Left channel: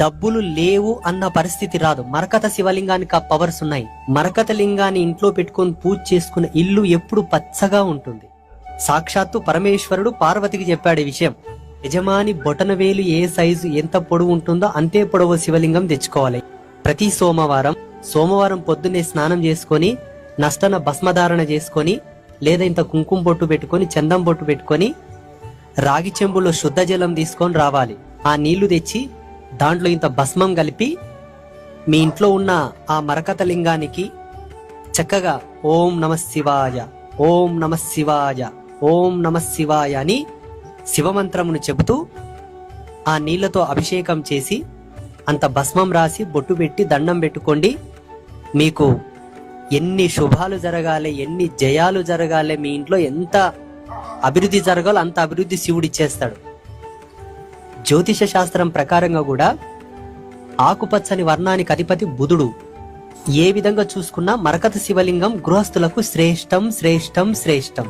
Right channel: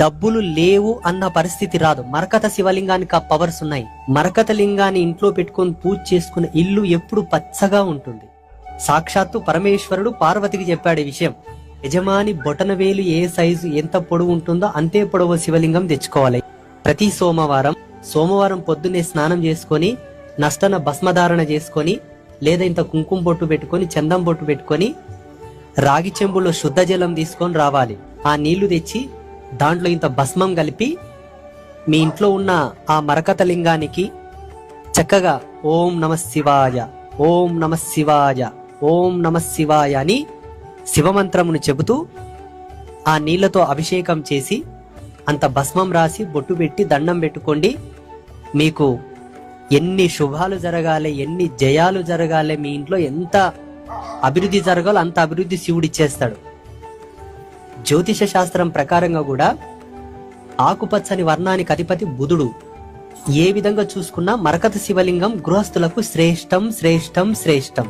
డబ్బులు లేవు అన్న పరిస్థితి రాదు. మరకత శివలింగానికి ఆ పవర్స్ ఉన్నాయి. మరకత లింగాన్ని ఇంట్లో పెట్టుకొని పూజ చేసుకున్న ఇల్లు ఎప్పుడు పచ్చగా ఉంటుంది. సాక్షాత్తు పరమేశ్వరుడు పార్వతికి చెప్పాడు ఈ విషయం. యజమాని బొటనవేలు ఏ సైజు ఎంత పొడవు ఉంటుందో అంతే పొడవు శివలింగం తెచ్చుకోవాలి. ప్రతి సోమవారం పొద్దున్నే స్నానం చేసుకొని నష్టన భస్మధారణ చేసుకొని లేదా ఇంత కుంకుమ బొట్టు పెట్టుకొని చందం బొట్టు పెట్టుకొని రాగి చెంబులో శుద్ధ జలం తీసుకొని రావాలి. ఆ నీళ్లు తెచ్చి దాంట్లో ఇంత భస్మం కలిపి మీ ఇంట్లో ఉన్న ఆ మరకత లింగానికి చక్కగా ఓం నమ శివాయ, ఓం నమ శివాయ, ఓం నమ శివాయ అని శివమంత్రమును చెబుతూ ఆ నీళ్లతో అభిషేకం చేసి అంత భస్మం రాసి బొట్టు పెట్టి దండం పెట్టుకోండి. మీకు ఎన్ని శుభాలు జరగాలి, ఎన్ని జయాలు జరగాలి, మీ ఇంట్లో ఎంత అభివృద్ధి జరగాలో అంత అభివృద్ధి శివుడిచ్చేస్తాడు. జ్యోతిష శాస్త్రం ప్రకారంగా కూడా ఆకుపచ్చని వర్ణానికి అధిపతి బుధుడు. ఏ విధంగా చూసుకున్నా మరకత శివలింగం గృహస్థులకు శ్రేష్టం శ్రేష్టం శ్రేష్టం.